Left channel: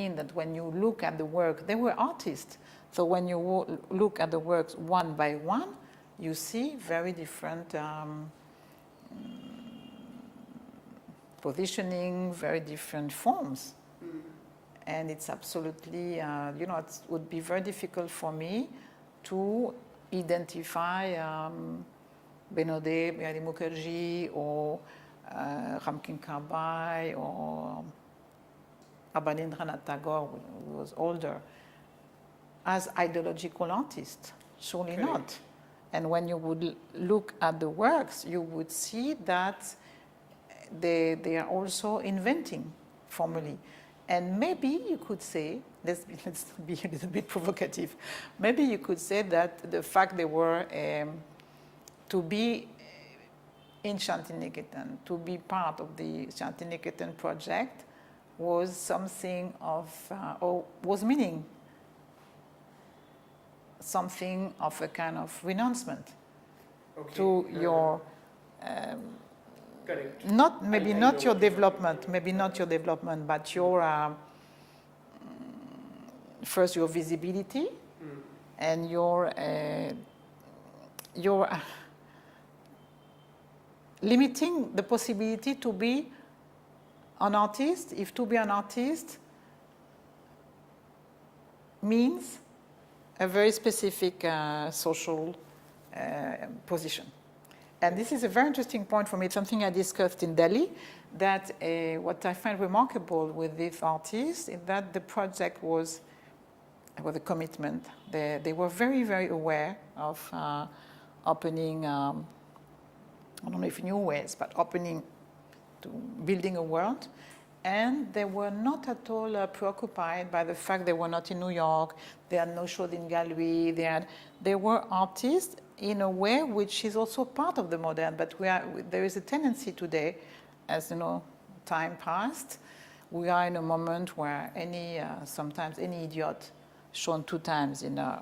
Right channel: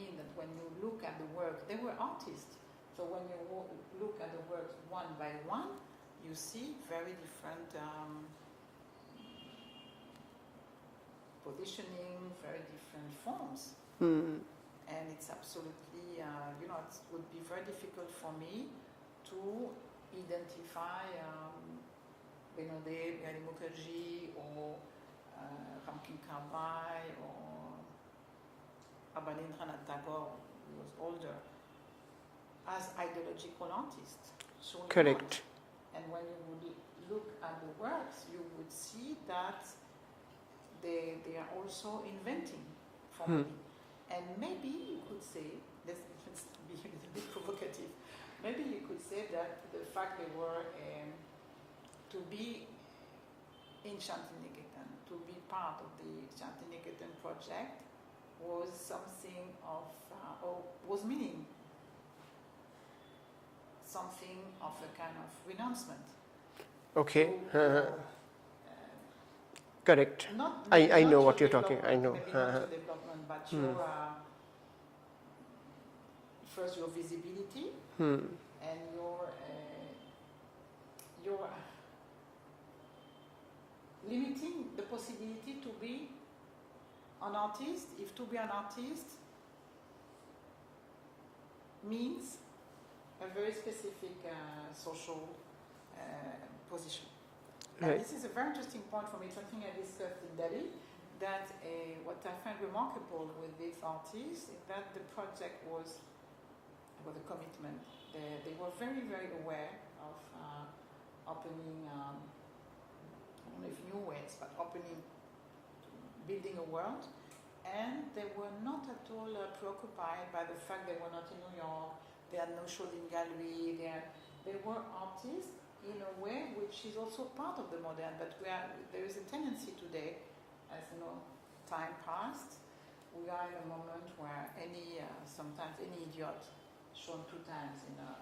mean that when you look at the work, they were artists. So when you look at the works one by one, you see very different positioning, very different forms. And it's absolutely, you know, it would be very difficult for me to identify Benode, Biali Mukherjee, or Ramkin Karbai, or Abanindranath Tagore, who was older, as ideological artists. Surely Correct. not. And when you would look at the works, you would see that they are also inventing formally. And maybe you could say, let's be a little bit provocative, maybe you could say that the fact they were to be in Shantiniketan, to be part of the Shantiniketan project was something of, or was meaning something of a kind of renouncement to your correct. Not maybe I not know your what you're talking, development, maybe not your development, but your first your visibility and your limiting the possibility to be an artist, if to be an artist means a very specific social position. And this is a very interesting point for me. It's something I discussed in Delhi, that what I find remarkable with these artists is that the project was a commitment. They were very, very aware of opening, I don't know if new ways, but opening to building a world. And they were not at all preoccupied by the fact they were not in New York, they had no shows in gallery, they were artists in a way which is also part of the modern, but there is a tendency today, as you know, time passed, we are in a moment where sometimes any idiot shown 2 times in a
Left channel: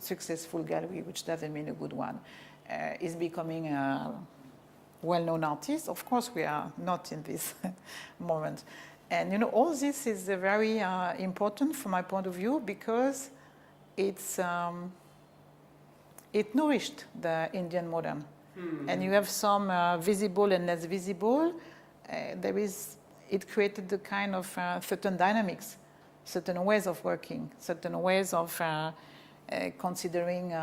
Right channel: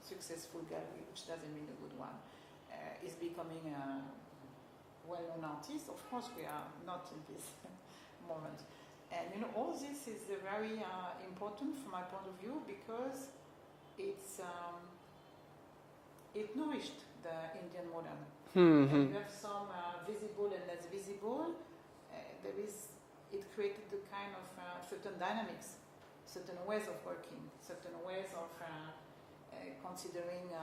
successful gallery, which doesn't mean a good one, is becoming a well-known artist. Of course, we are not in this moment. And you know, all this is very important from my point of view, because it nourished the Indian modern. And you have some visible and less visible. It created the kind of certain dynamics, certain ways of working, certain ways of considering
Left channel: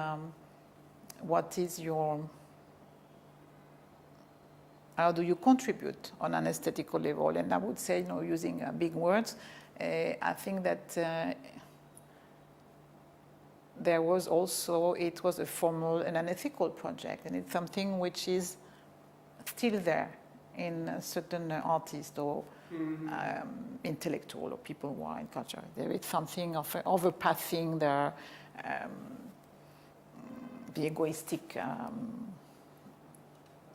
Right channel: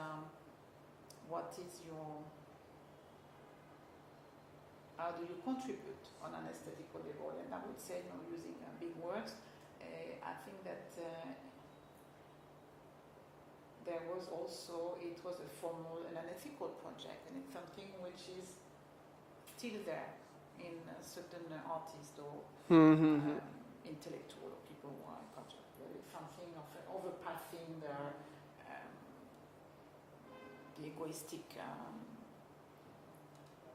what is how do you contribute on an aesthetical level. And I would say, you know, using big words, I think that there was also, it was a formal and an ethical project, and it's something which is still there in certain artists or intellectual or people who are in culture. There is something of overpassing the egoistic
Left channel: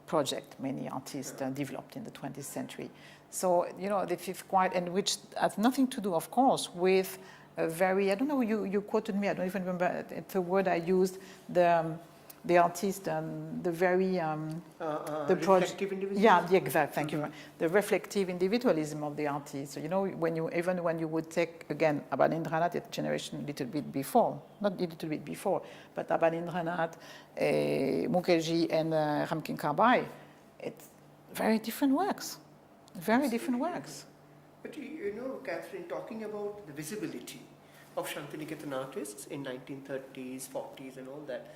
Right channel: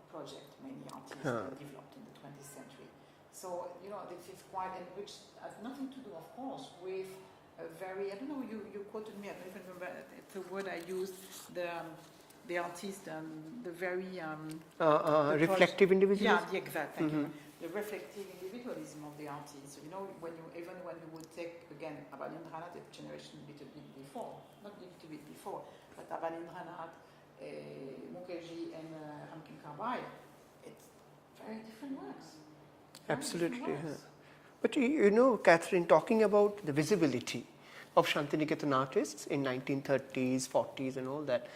project many artists developed in the 20th century. So, you know, this is quite, and which has nothing to do, of course, with a very, I don't know, you quoted me, I don't even remember, it's a word I used, the artist and the very... the reflective individualism? Yeah, the exact, thank you. The reflective individualism of the artist. So, you know, even when you would take, again, Abanindranath, a generation a little bit before, not a little bit before, but Abanindranath, Mukherjee and Ramkin Karbai, it's very different works. Very different works. But you know, Catherine, talking about the visibility of Shantiniketan artists in 1930s, 40s and all that,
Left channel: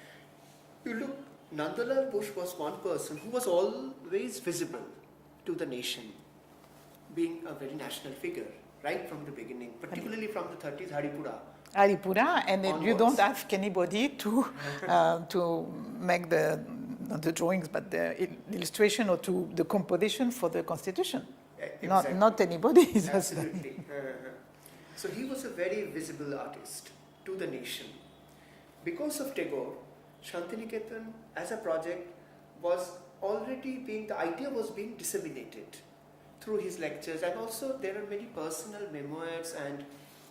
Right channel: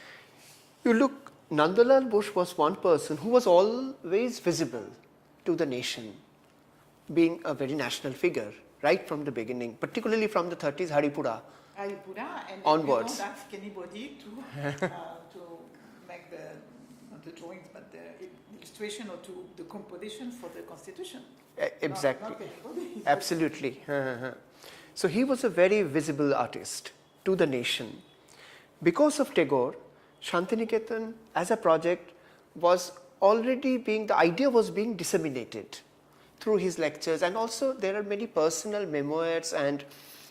you look, Nandalal Bush was one person who was always visible to the nation, being a very national figure right from the beginning, particularly from the 30s, Haripura. And then you don't ask anybody to make not the drawings, but the illustration or to the composition for the constitution. Exactly. Not anybody. Absolutely. So he was a very visible artist to the nation. Because of Tagore, Shantiniketan as a project was already the idea was being disseminated through his lectures, and also there are many personal memoirs and,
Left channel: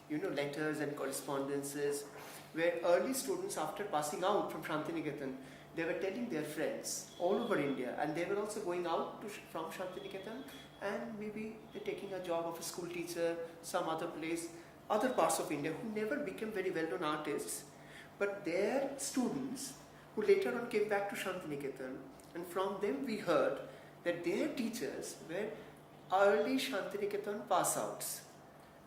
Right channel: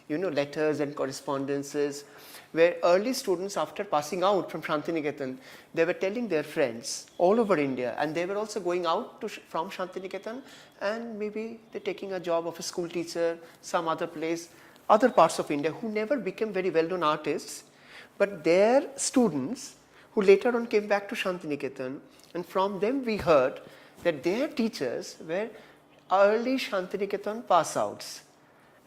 you know, letters and correspondences where early students, after passing out from Shantiniketan, they were telling their friends all over India, and they were also going out from Shantiniketan and maybe they're taking a job of a school teacher, some other place, other parts of India, who never became very well-known artists, but their students who later on came back to Shantiniketan, and from them we heard that their teachers were early Shantiniketan pass-outs,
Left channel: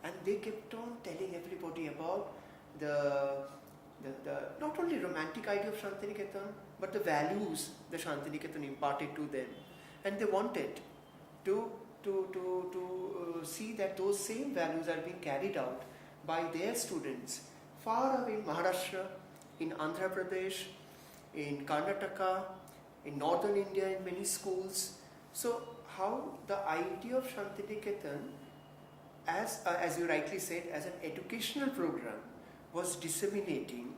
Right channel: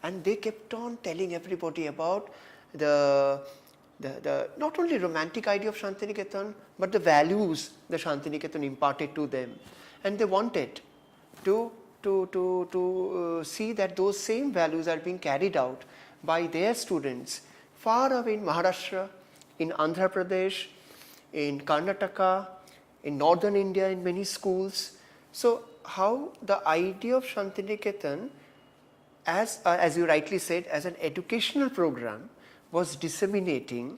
and they kept on telling everybody about the not only romantic idea of Shantiniketan, but the values the Shantiniketan imparted to them, and they wanted to see that those same values are being carried out by their students far away in Maharashtra, in Andhra Pradesh, in Karnataka, in northern India in many schools. So how the idea of Shantiniketan, as you rightly said, as an educational program was disseminating,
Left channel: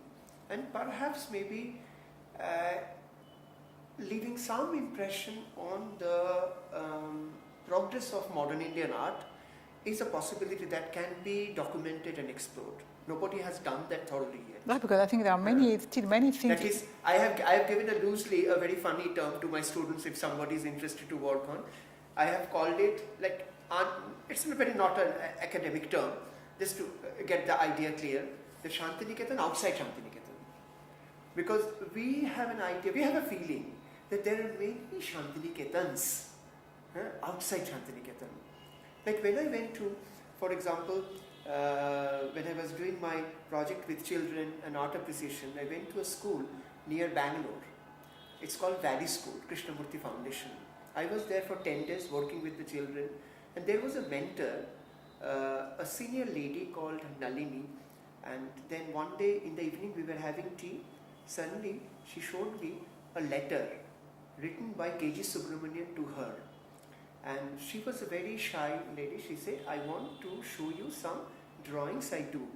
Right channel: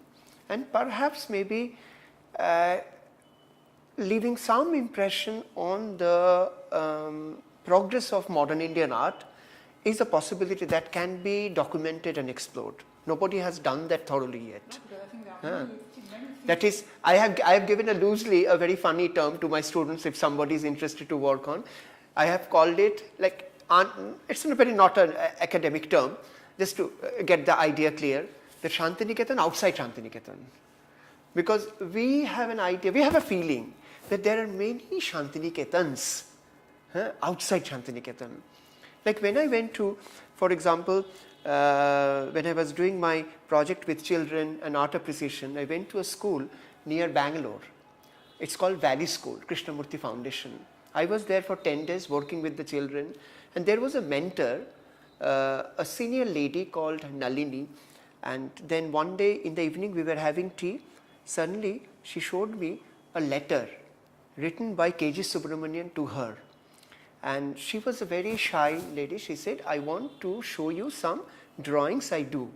and perhaps maybe leaving some impression on the progress of modern Indian art, is a possibility that can be documented and explored. Nobody has done that thoroughly yet. No, because I think there are still many things. That is, I have given loosely a very funny term to my students if somebody is interested to work on. I have called it like, it's a very not an academic term, just to get the idea clear, the Shantiniketan outside Shantiniketan. Because we have an idea, we have a feeling that there are many Shantiniketans outside Shantiniketan. Like when I went to, for example, when I was doing my project with children and art appreciation, I went to a school near Bangalore. It's called Valley School, Krishnamurti Foundation. I was there for 10 days working with the children, and there was a mentor, a senior lady called Nalini, and then one day in the evening we were having tea. Suddenly she showed me a letter written by K.G. Subramanian to her. And she was a very shy lady. She said, I want to show you some drawings I do,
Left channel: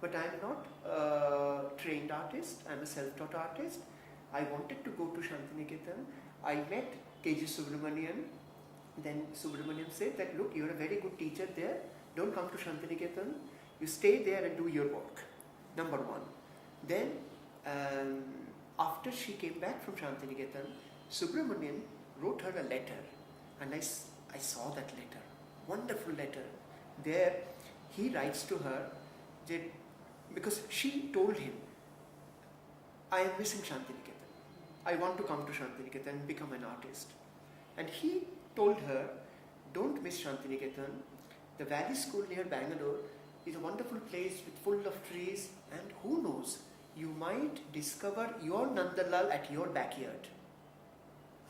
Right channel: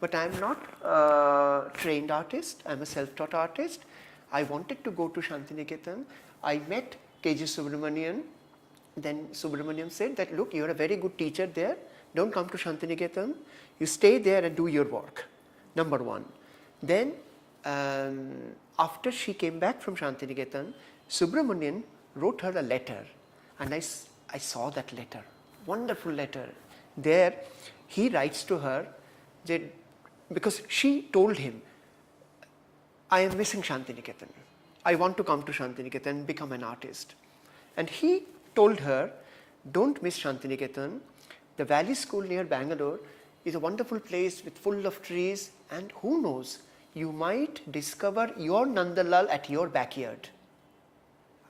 but I am not a trained artist, I am a self-taught artist. I wanted to go to Shantiniketan. I met K.G. Subramanian. Then Subramanian said that, look, you are a very good teacher there, don't come to Shantiniketan, you stay there and do your work, number one. Then after she came back from Shantiniketan, Subramanian wrote her a letter, and I saw that letter, wonderful letter. There he writes to her that, because she told him, I am missing Shantiniketan. I want to come to Shantiniketan and become an artist. And he told her, don't miss Shantiniketan. The Valley School near Bangalore is a wonderful place with full of trees, and who knows, you might discover your Nandalal at your backyard.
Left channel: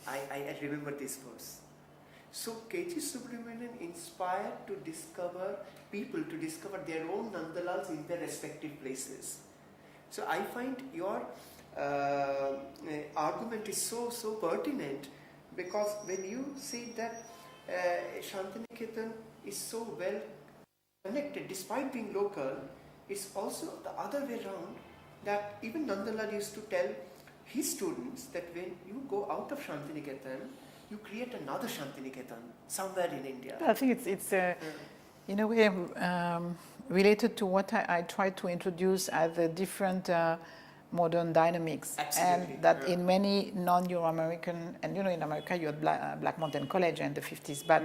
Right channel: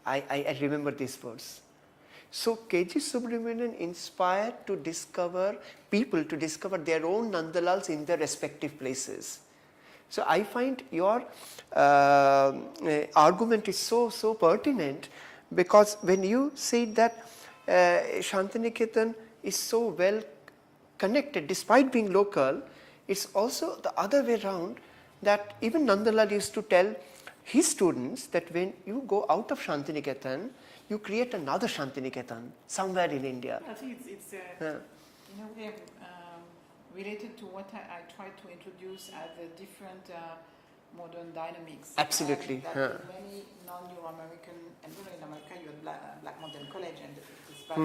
I remember this verse. So K.G. Subramanian inspired to discover people to discover their own Nandalals in their respective places. So I find your argument is so pertinent, because when you say that Shantiniketan is so well connected despite being local, it's also the other way around, that even Nandalal used to tell his students that when you go out of Shantiniketan, you create another Shantiniketan somewhere in India. I think it's in a way related to what I try to introduce as the different modern dynamics. Absolutely. And that in many non-Euro-American, and in America you had Black Mountain College in the 50s, but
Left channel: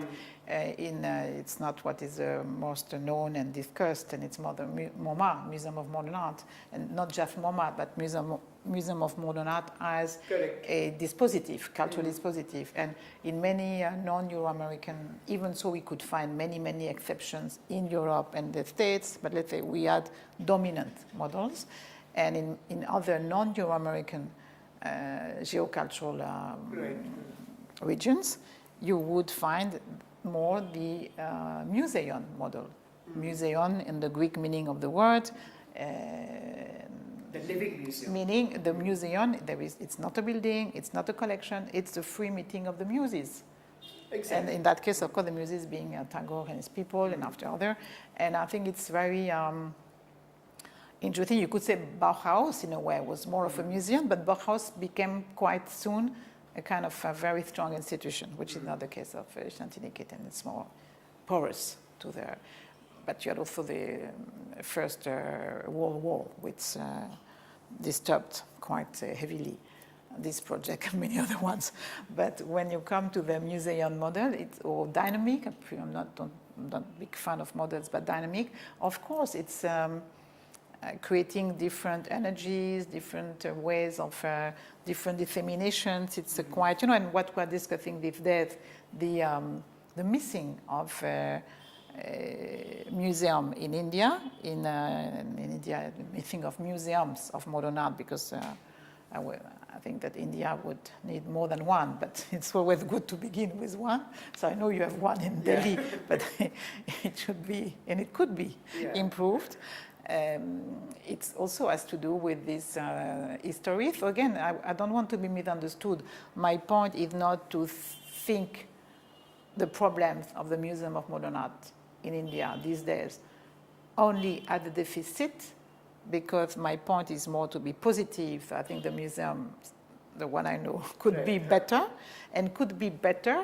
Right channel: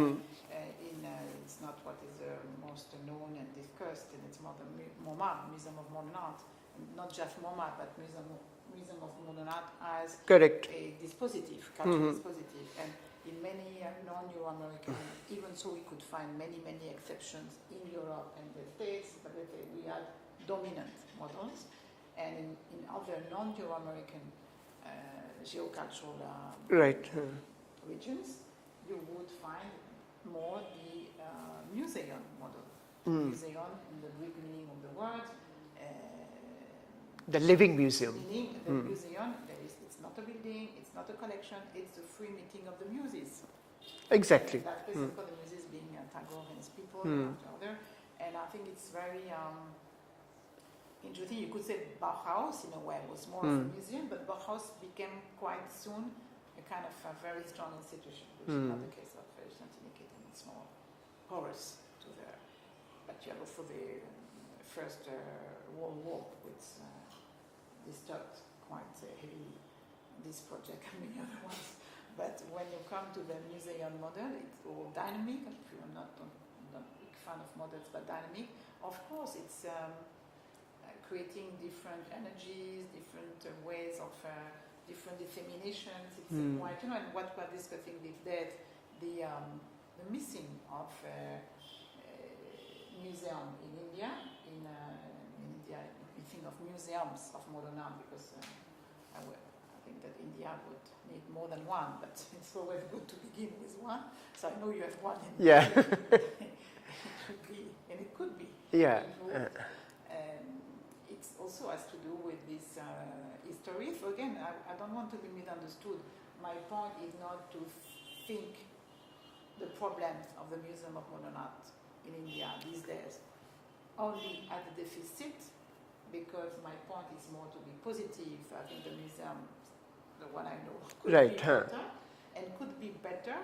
it's not what is most known and discussed, and it's more the MoMA, Museum of Modern Art, and not just MoMA, but Museum of Modern Art as Correct. a dispositif, cultural dispositif. And in many non-Euro-American, even so we could find many exceptions in Europe and the States, but let's say we had dominant models. And in other non-Euro-American geocultural regions, you would find more the museon model. Museon in the Greek meaning of the word. The living museum. Meaning the museum, it's not a building, it's not a collection, it's the free meeting of the muses. Exactly. And in that case, of course, the muses being Tagore and his people and after other. And I think it's very interesting. You could say Bauhaus, in a way, was more of a museum, but Bauhaus became quite soon a kind of a very strong institution, which is not the case of Shantiniketan. It's more porous to there. But you had also the First World War, which disturbed quite heavily this project and many other ones. But when you come to the museum model, it's or dynamic. I'm not a big fan of models, but dynamic. Of course, it's creating different energies, different ways of different disseminations. It's quite, you know, and what we're discussing with that, the missing of museum in India, in India, the missing of museums of modern art, because I think that India would need more than one, but it's always good to begin with one. So I know you have one in Delhi, but it should be, and it could be improved. It also has to do with this history. So again, I don't want to be misunderstood. My point is not to think the problems of the Museum of Modern Art in India these days only at the deficit, because my point is more to be positive. I think the museum, the one I know, could be better, and could be better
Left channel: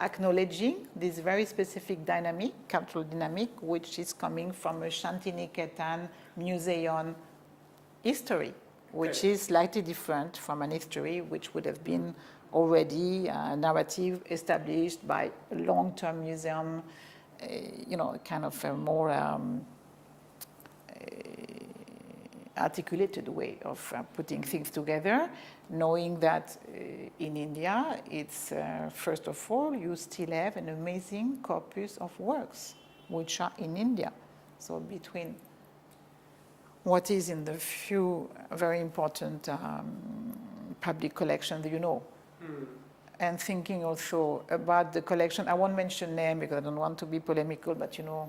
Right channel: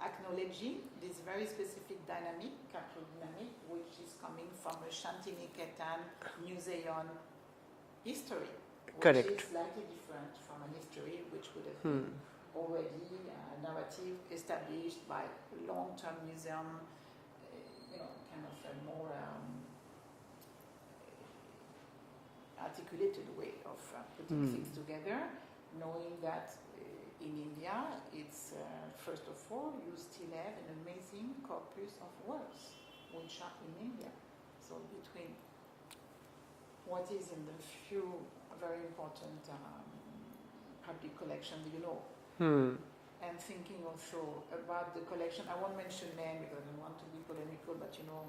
acknowledging this very specific dynamic, cultural dynamic, which is coming from a Shantiniketan museum history, which is slightly different from an history which would have been already a narrative established by a long-term museum, you know, kind of a more articulated way of putting things together, knowing that in India, it's first of all, you still have an amazing corpus of works which are in India. So between what is in the few very important public collections, you know, and thinking also about the collection. I won't mention name because I don't want to be polemical, but you know,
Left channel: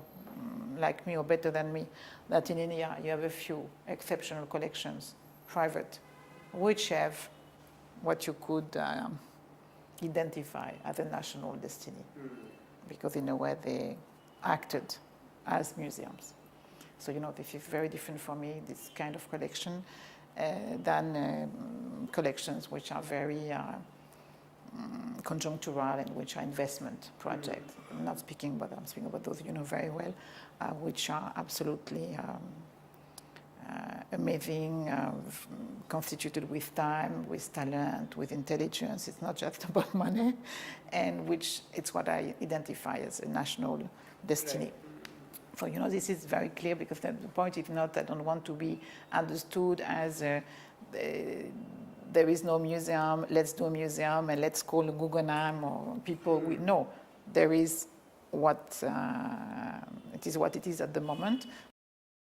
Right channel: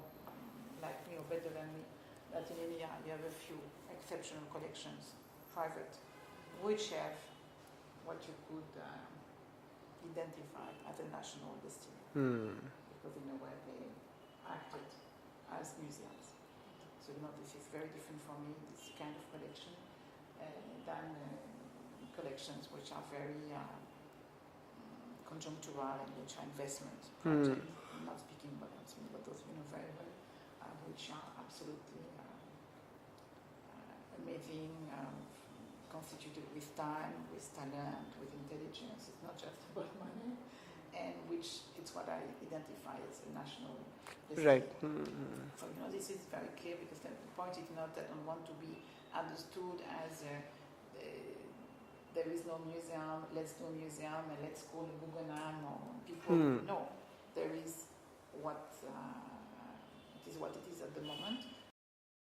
like me or better than me, that in India you have a few exceptional collections, private, which have what you could identify as a national destiny, because in a way they acted as museums. So you know, this is very different for me, this kind of collection, than collections which are very conjunctural and which are investment projects. I'm not speaking about them, I'm speaking about those you know very well, which are absolutely amazing, constituted with time, with talent, with intelligence. It's not just about money, and which it's what I identify as a national destiny. So you know, this is very clear, because the point is not, I don't want to be understood as there is no museum, let's do a museum and let's call Guggenheim or people. No, there is what it is at the moment,